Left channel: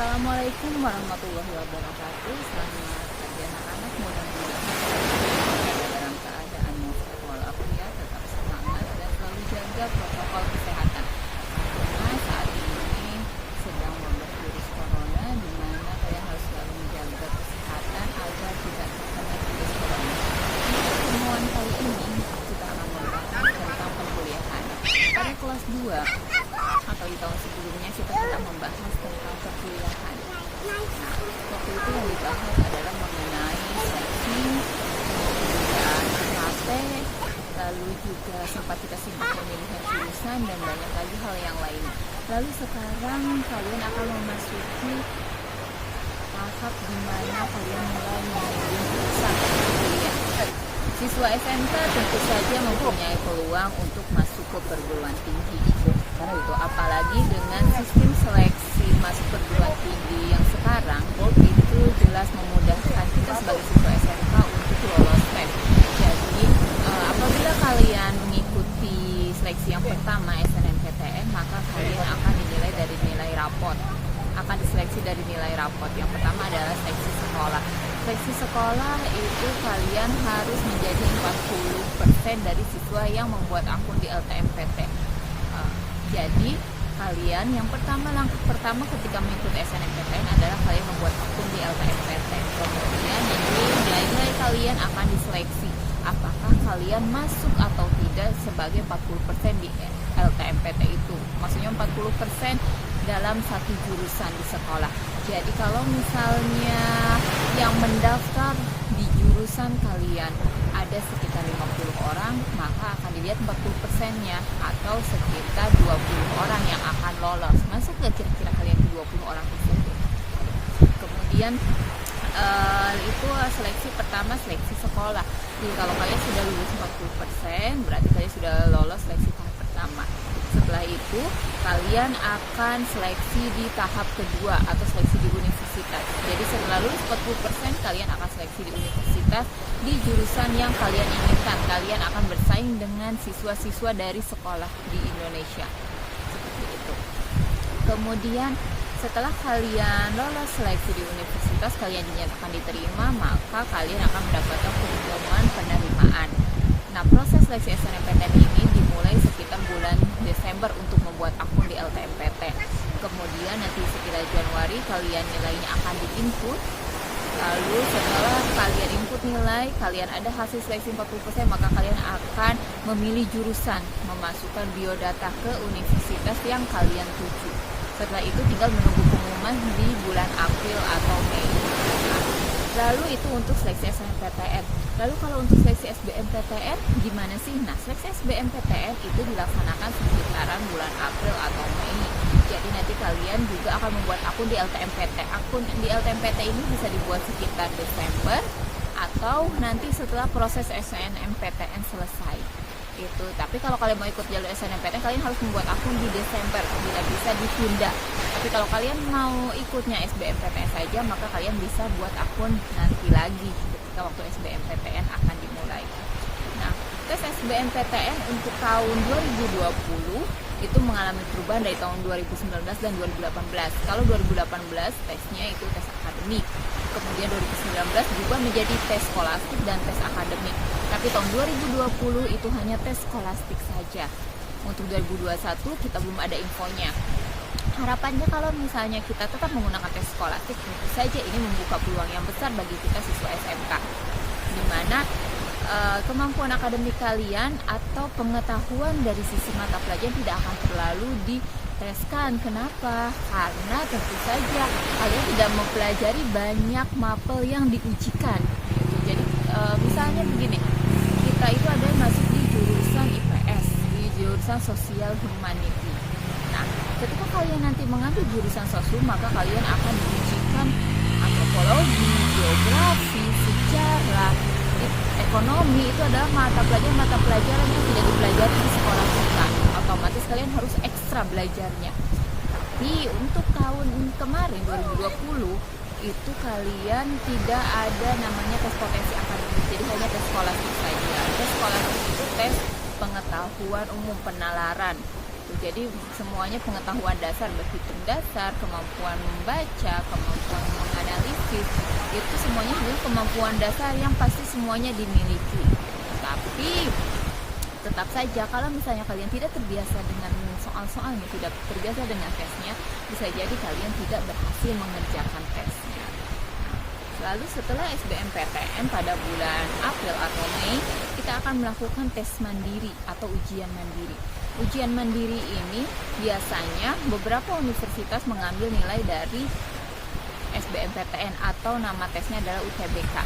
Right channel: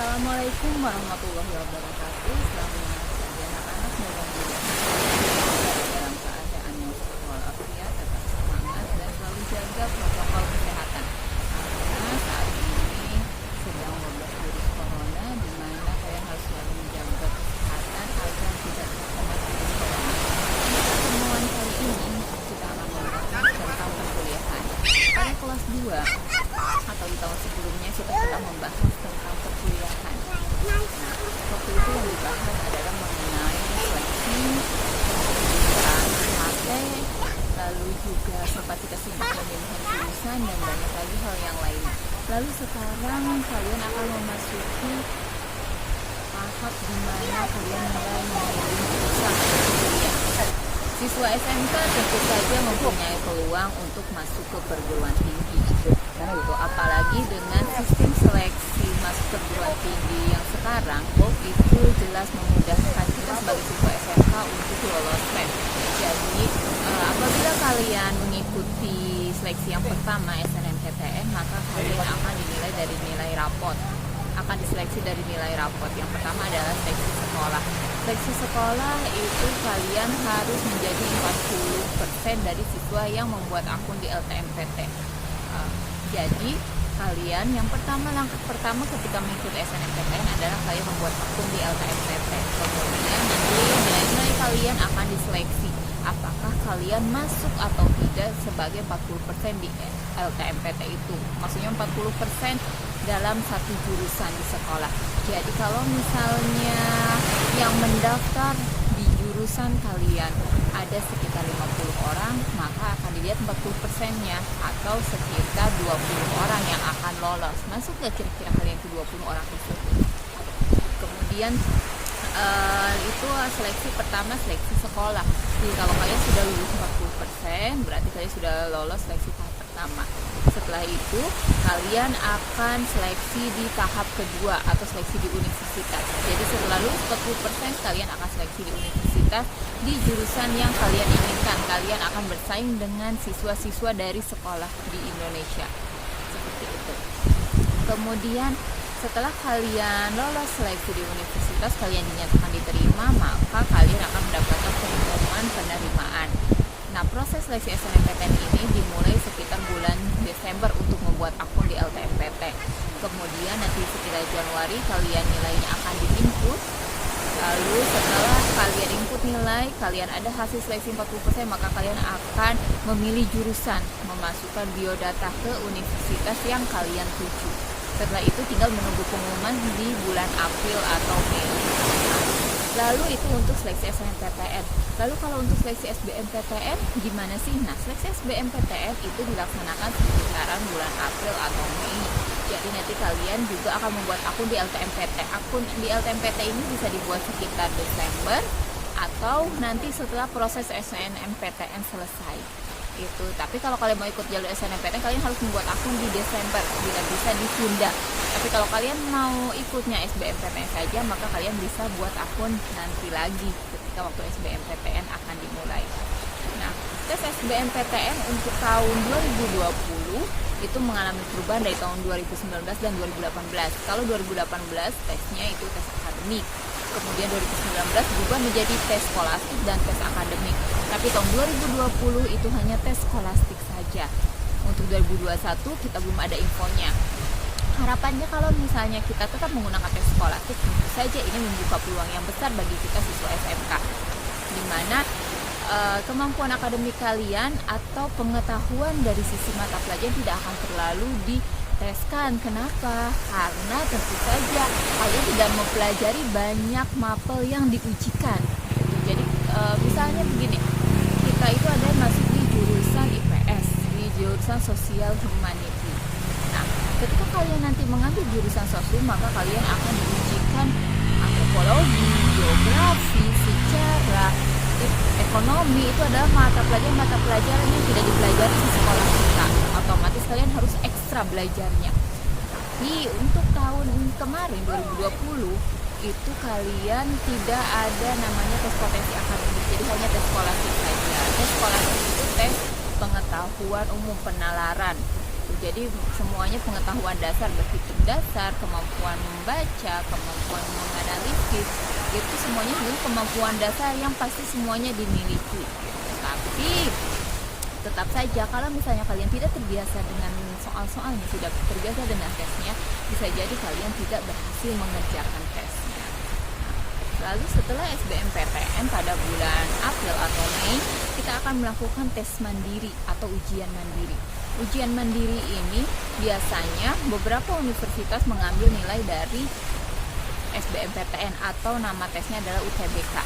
Assalamualaikum warahmatullahi wabarakatuh. Selamat pagi anak-anak. Mudah-mudahan kalian berada dalam keadaan yang sehat walafiat, tetap semangat dan selalu jaga protokol kesehatan. Karena saat ini sedang wabah virus corona, di mana kalian harus selalu menjaga kesehatan agar tidak terkena virus corona. Untuk pertemuan kali ini kita akan membahas tentang perkuliahan. Pada kelas 2 atau di tahun sebelumnya kita telah membahas tentang perkuliahan. Nah, waktu itu yang dibahas adalah mengenai seleksi, kemudian mate, lalu juga sempat kita simak pemilihan jurusan dan banyak lagi hal yang lain. Lalu sekarang kalian akan memasuki tahap di mana kalian mulai memilih jurusan kuliah. Siswa SMK tentu saja mempunyai peluang untuk masuk ke perguruan tinggi. Karena itu, apalagi dengan sistem seleksi masuk perguruan tinggi yang sekarang, itu jelas memudahkan kita sebagai siswa SMK untuk lolos tes. Jadi, apabila kalian mengikuti seleksi yang pertama SNMPTN, maka kalian akan dinilai dari nilai rapot. Akan diseleksi dari nilai rapot. Yang pertama adalah seleksi sekolah. Seleksi sekolah itu kalian harus menjadi 40% dari siswa yang membuat akun di LTMPT. Jadi kalian langkah pertama ketika mengikuti SNMPTN adalah kalian membuat akun di LTMPT. Kemudian nanti nilai-nilai kalian akan diseleksi apakah kalian masuk atau tidak sebagai 40% di LTMPT itu. Maksudnya 40% dalam satu jurusan di sekolah. Jadi kalau misalnya yang mendaftar di jurusan kalian ada sekitar 50 orang, maka akan dilihat 40%-nya atau sekitar 20 orang yang akan lolos. Masuk ke kira-kira kalian ke 20 orang tersebut. Kemudian itu seleksi pertama, seleksi sekolah. Jadi kalau kalian sudah lulus 40%, berarti kalian sudah lolos seleksi tahap pertama. Setelah itu kalian akan seleksi di tahap kedua atau seleksi di universitas. Jadi setelah lulus 40%, kalian akan seleksi di universitas di jurusan yang kalian inginkan. Kalian akan bersaing dengan siswa-siswa dari sekolah di Indonesia. Seperti itu. Kemudian setelah kalian lolos seleksi di universitas, kalian dinyatakan diterima, maka kalian akan mendapatkan pengumuman penerimaan. Nah, proses seleksi SNMPTN ini dimulai sekitar bulan Desember untuk membuat akun di LTMPT. Kemudian nanti sekitar Januari kalian nilainya akan diinput. Lalu setelah kalian input nilai, kalian ada hasil seleksi 40%, maka kalian akan memilih jurusan, memasukkan biodata ke universitas yang kalian tuju. Setelah itu tinggal menunggu pengumuman di bulan April atau Mei. Nah, lalu itu untuk seleksi SNMPTN. Lalu kalau untuk seleksi SBMPTN gimana sih? Nah, seleksi SBMPTN itu dilaksanakan sekitaran bulan April atau Mei. Jadi nanti kalian juga akan membuat akun di LTMPT. Akun di LTMPT ini bisa dibuat sekitar Desember atau nanti setelah proses SNMPTN selesai. Itu. Tapi kalau kalian mau ikut jalur SNMPTN, kalian harus membuat akun di Desember, bila bisa ditunda. Tapi kalau kalian mau ikutnya SBMPTN saja, maka kalian bisa buat akun nanti lagi ketika waktu SBMPTN akan dimulai. Nah, tes SBMPTN untuk tahun 2020 itu mengalami perubahan dari tahun 2019 dan 2018. Kalau 2018 tesnya itu tes akademik. Kemudian 2019 berubah menjadi tes skolastik dan tes akademik. Tapi tahun 2020 itu hanya tes skolastik saja. Untuk 2021 kita belum ada infonya. Harapannya kalau misalnya kita tetap menggunakan tes skolastik, tentu saja ini membuka peluang yang besar bagi kita siswa SMK. Di mana kemampuan akademik kalian atau pengetahuan dari sisi mata pelajaran tidak akan terlalu diteskan. Kenapa? Karena tentu saja kalian tidak mempelajari banyak mapel yang diujikan. Jadi misalnya begini, kita itu ada masuk di jurusan IPS, di jurusan Sosial Humanity. Nah, ketika kalian nanti mengambil jurusan sosum, maka kalian akan diujikan antropologi, geografi, sejarah, ekonomi. Itu adalah mata pelajaran yang tidak dipelajari di sekolah kita. Otomatis kalian harus ekstra belajarnya. Tapi untuk tahun kemarin 2020 itu kalian tidak ada namanya tes potensi akademik, jadi hanya tes skolastik saja. Tes skolastik itu tes pengetahuan umum, penalaran. gitu. Jadi semuanya pengetahuan dasar, berhitung dasar, kemampuan membaca, kemampuan menganalisis, itu semuanya sebenarnya kemampuan dasar yang pasti semuanya dimiliki. Tapi tetap saja kalau misalnya kalian tidak terbiasa dengan soal-soalnya, tidak terbiasa dengan tesnya, bisa jadi kalian tidak berhasil mengerjakan tesnya. Lalu setelah SBMPTN pada bulan April atau Mei, kita akan melakukan tes mandiri atau ujian mandiri. Ujian mandiri ini biasanya beberapa universitas mengambil nilai dari SBMPTN atau nama tesnya adalah UTBK.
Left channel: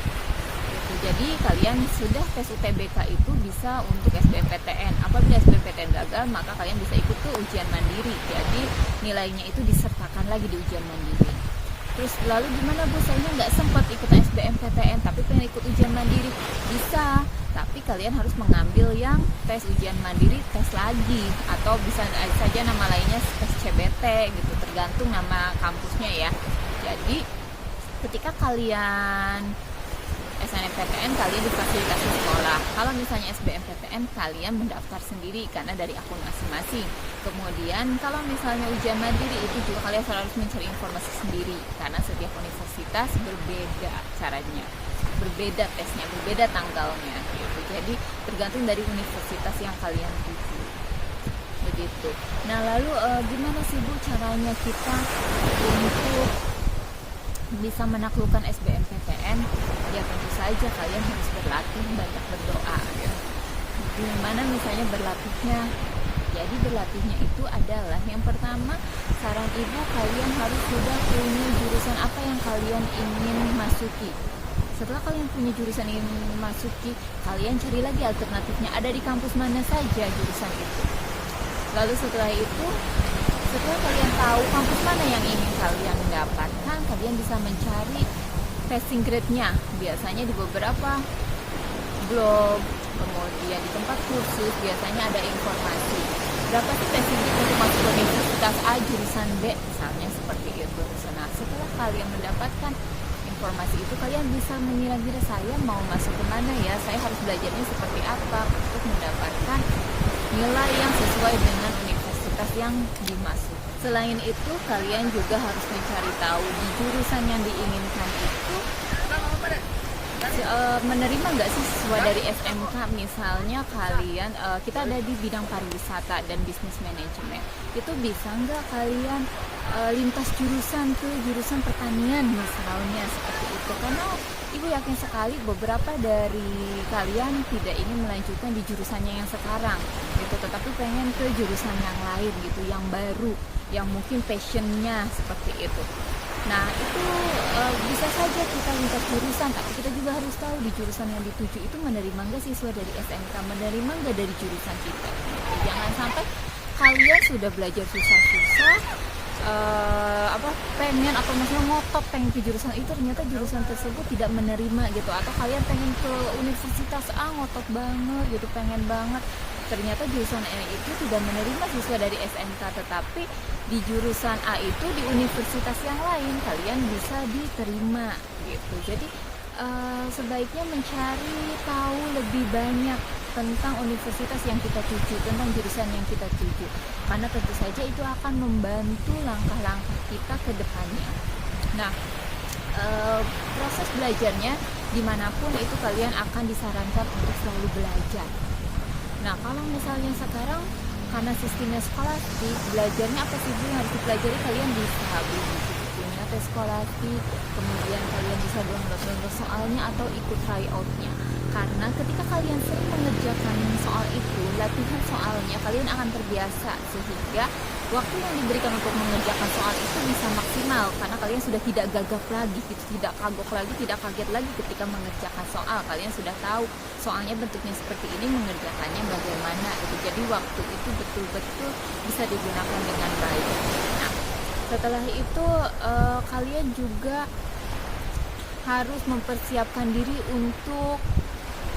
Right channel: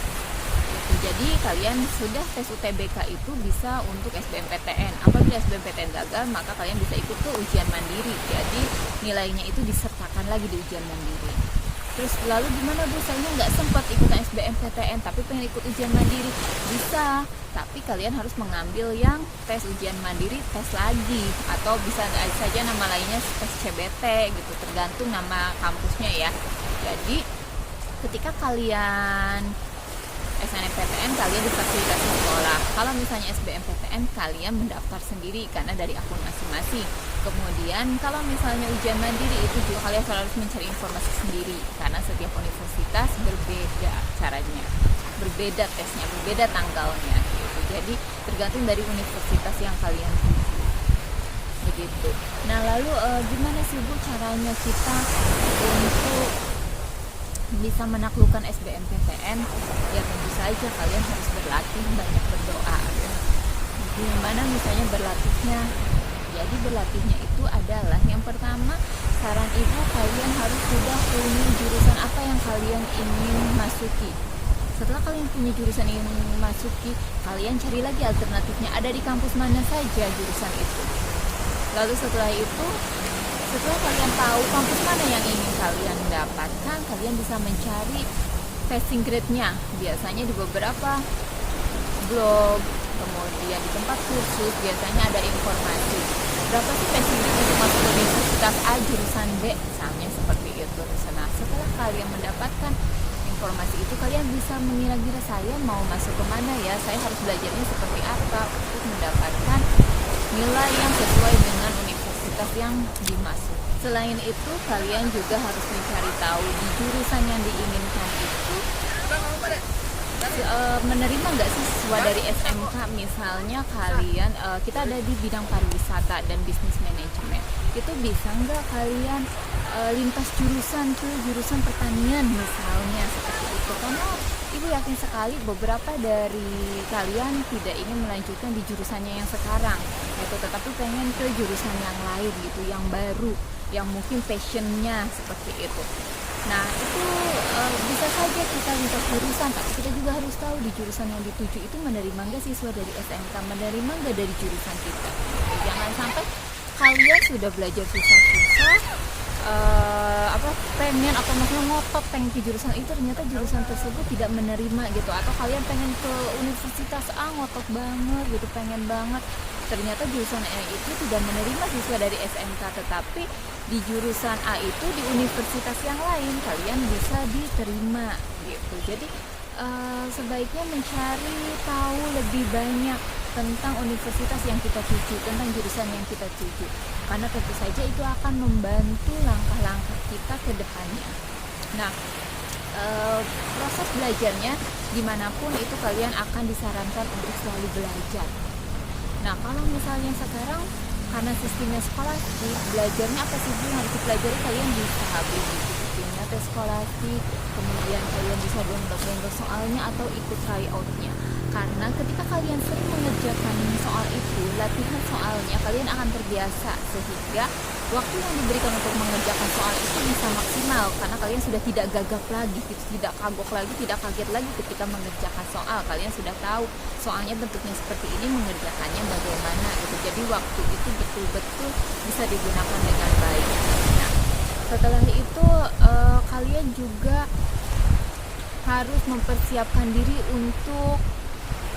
Jadi kalian sudah tes UTBK itu bisa untuk SBMPTN. Apabila SBMPTN gagal, maka kalian bisa ikut ke ujian mandiri. Jadi nilainya itu disertakan lagi di ujian mandiri. Terus lalu gimana Bu, saya nggak sempat ikutan SBMPTN tapi pengen ikut ujian mandiri. Bisa, tapi kalian harus mengambil yang tes ujian mandiri, tes lagi, atau bisa saja nama lainnya tes CBT gitu, tergantung nama kampusnya ya. Jadi ketika kalian SNMPTN kalian difasilitasi sekolah. Kalau misalnya SBMPTN kalian mendaftar sendiri karena dari akun masing-masing. Kemudian kalau misalnya ujian mandiri itu juga kalian harus mencari informasi sendiri karena setiap universitas berbeda caranya, berbeda tesnya, berbeda tanggalnya gitu. Jadi tergantung dari universitas yang kalian tuju. Begitu. Nah, lalu gimana sih Bu caranya kita untuk bisa menaklukkan SBMPTN? Ya tentu saja kalian harus berlatih, banyak berdoa ya. Gimana misalnya berlatihnya? Jadi berlatihnya itu adalah yang pertama, saran ibu kalian harus sudah punya jurusan apa yang kalian ingin masuki. Setelah kalian punya jurusan yang ingin masuki, kalian cari lagi alternatifnya, ada di kampus mana saja jurusan itu. Lalu setelah itu, setelah kalian tahu kampus mana yang ingin kalian dapatkan, kalian bisa mencari passing grade-nya. Biasanya di beberapa blog, kemudian di tempat kursus, biasanya ada informasi. Berapa sih passing grade untuk masuk ke universitas A jurusan B, misalnya seperti itu. Nah, setelah kalian mendapatkan informasi itu, kalian bisa mengira-gira saya mau masuk kemana ya, saya harus belajarnya seperti apa untuk mendapatkan nilai yang sesuai dengan universitas yang dimaksud. Selain itu, kalian juga harus mencari tahu di jurusan yang diinginkan itu menerima nggak sih siswa dari SMK. Misalnya kalian kita ada di bidang pariwisata dan bisnis manajemen, itu bisa nggak kalian lintas jurusan ke jurusan pertanian misalnya seperti itu, karena ibu yakin sekali beberapa dari kalian tidak ingin melanjutkan di jurusannya yang sekarang gitu, tetapi pengen ke jurusan yang lain gitu, yang baru, yang mungkin passionnya seperti itu. Nah itu bisa saja kita lintas jurusan, tapi kita juga harus tahu di jurusan yang dituju itu menerima nggak siswa dari SMK, menerima nggak dari jurusan kita gitu. Jangan sampai kalian sudah belajar susah-susah pengen atau maksudnya ngotot pengen ke jurusan itu, ternyata jurusan tersebut tidak menerima gitu, atau kalian pengen ke universitas A ngotot banget gitu, pengen banget, ternyata jurusan A itu tidak menerima siswa dari SMK, tetapi di jurusan A itu di universitas yang lain kalian bisa diterima gitu. Jadi sebaiknya mencari tahu lebih banyak tentang universitas yang kita tuju, tentang jurusan yang kita tuju, karena tentu saja itu akan membantu langkah-langkah kita ke depannya. Nah, proses belajarnya dimanapun itu kalian akan disarankan untuk selalu belajar. Nah, kalau misalnya sekarang karena sistemnya skolastik, belajarnya apa sih yang harus dipelajari? Kalian bisa beli buku-bukunya tes skolastik, kemudian kalian bisa download soalnya atau ikut tryoutnya. Karena ketika kalian sering mengerjakan soal itu, latihan soalnya, kalian akan terbiasa sehingga waktu yang diberikan untuk mengerjakan soal itu bisa maksimal, karena kalian sudah tidak gagap lagi gitu, tidak kagok lagi, tidak kaget lagi ketika mengerjakan soal. Kalian sudah tahu soalnya bentuknya seperti ini, mengerjakannya bagaimana gitu. Jadi waktu itu betul-betul bisa digunakan dengan baik. Nah, setelah itu kalian juga harus mempersiapkan diri untuk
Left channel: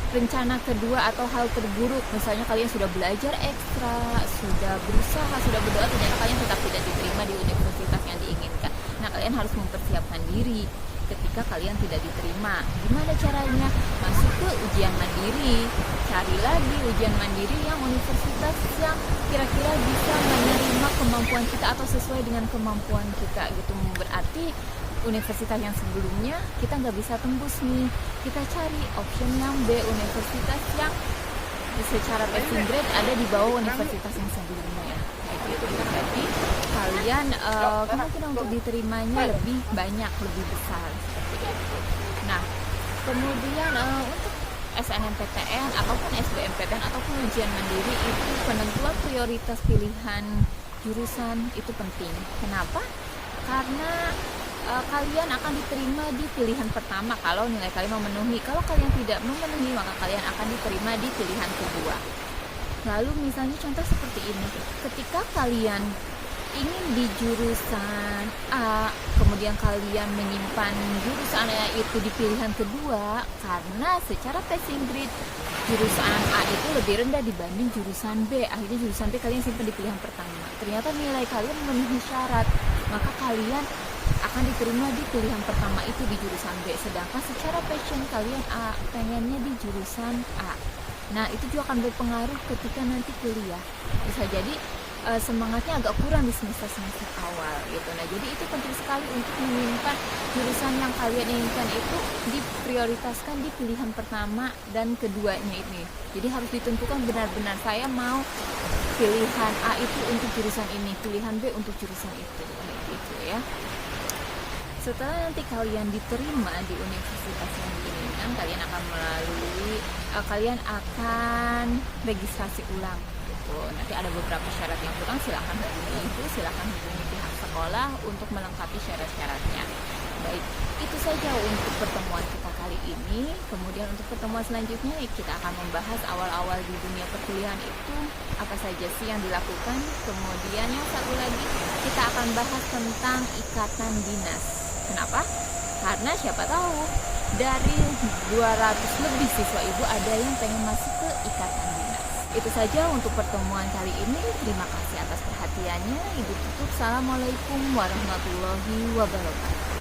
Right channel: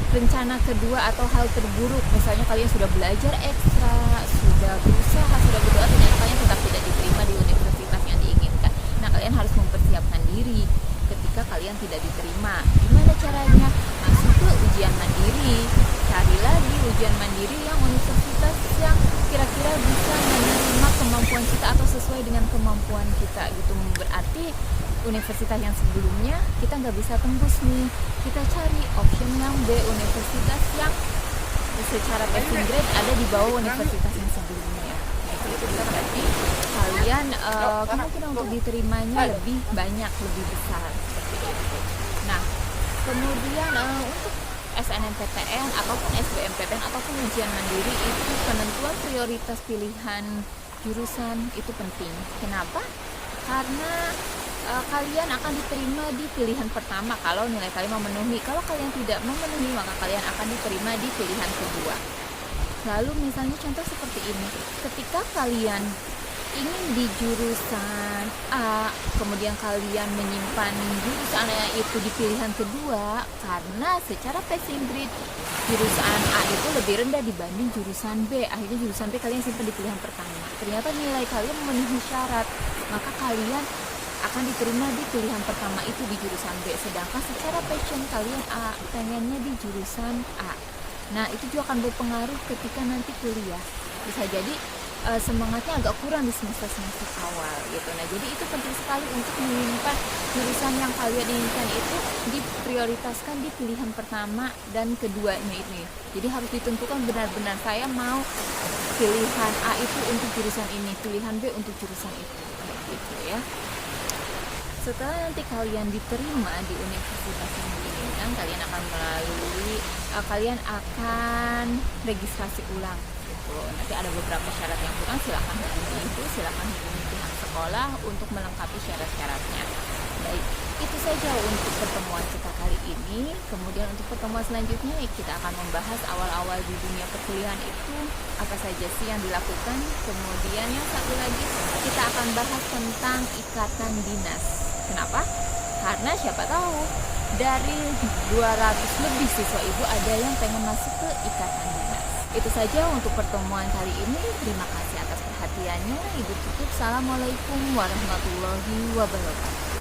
rencana kedua atau hal terburuk. Misalnya kalian sudah belajar ekstra, sudah berusaha, sudah berdoa, ternyata kalian tetap tidak diterima di universitas yang diinginkan. Nah, kalian harus mempersiapkan diri ketika kalian tidak diterima. Gimana caranya? Masuk ke ujian mandiri. cari lagi ujian mandiri yang universitas yang kira-kira bisa menerima kemampuan kita atau sesuai dengan kemampuan kita gitu. Berarti universitas yang sebelumnya kita nggak bisa tembus nih, kita cari option yang B, universitas yang secara passing grade ada di bawah universitas yang sebelumnya kayak gitu. Jadi kalian kemungkinan untuk diterimanya lebih banyak, lebih besar seperti itu. Nah, kemudian untuk SNMPTN ataupun SBMPTN ataupun ujian mandiri itu penentuan prioritas pilihan jurusan itu penting. Kenapa? Karena kalian akan diterima di pilihan pertama kalau nilai kalian memenuhi. Kalau kalian tidak memenuhi, maka kalian akan diterima di pilihan kedua. Lalu misalnya contoh seperti ini, ketika kalian ingin di jurusan A, kemudian kalian menyimpan jurusan A itu di pilihan kedua, karena secara passing grade jurusan A itu lebih rendah dibanding jurusan B. Akhirnya jurusan B kalian simpan di pilihan pertama. Ternyata nilai kalian memenuhi syarat, maka kalian akan diterima di pilihan pertama itu di jurusan B. Sedangkan secara passion kalian A, pengennya di jurusan A. Nah, itu juga akan berpengaruh ketika nanti kuliah. Bisa jadi semangatnya agak kurang di semester-semester awal gitu. Nah, jadi itu penting sekali untuk menyimpan jurusan yang kalian inginkan itu diprioritaskan di pilihan pertama dan keduanya ini. Jadi harus ditentukan benar-benar saya mau pilihan A itu untuk jurusan ini, pilihan B untuk jurusan itu, kayak gitu ya. Setelah nanti kalian diterima di universitas yang diinginkan, kalian akan registrasi ulang gitu. Nanti ada beberapa syarat yang kurang, silakan hubungi ibu, silakan hubungi pihak sekolah untuk melengkapi syarat-syaratnya. Baik, itu saja untuk pertemuan kita kali ini. Kemudian untuk pertemuan selanjutnya kita akan membahas awal-awal di dunia perkuliahan itu apa saja sih yang dilakukan. Kemudian yang satu lagi kita akan bahas tentang ikatan dinas. Kenapa? Karena siapa tahu dari 200 lebih siswa ibu ada yang pengen masuk ke ikatan dinas. Itu saja untuk pertemuan kali ini. Terima kasih atas perhatiannya. Ibu tutup. Assalamualaikum warahmatullahi wabarakatuh.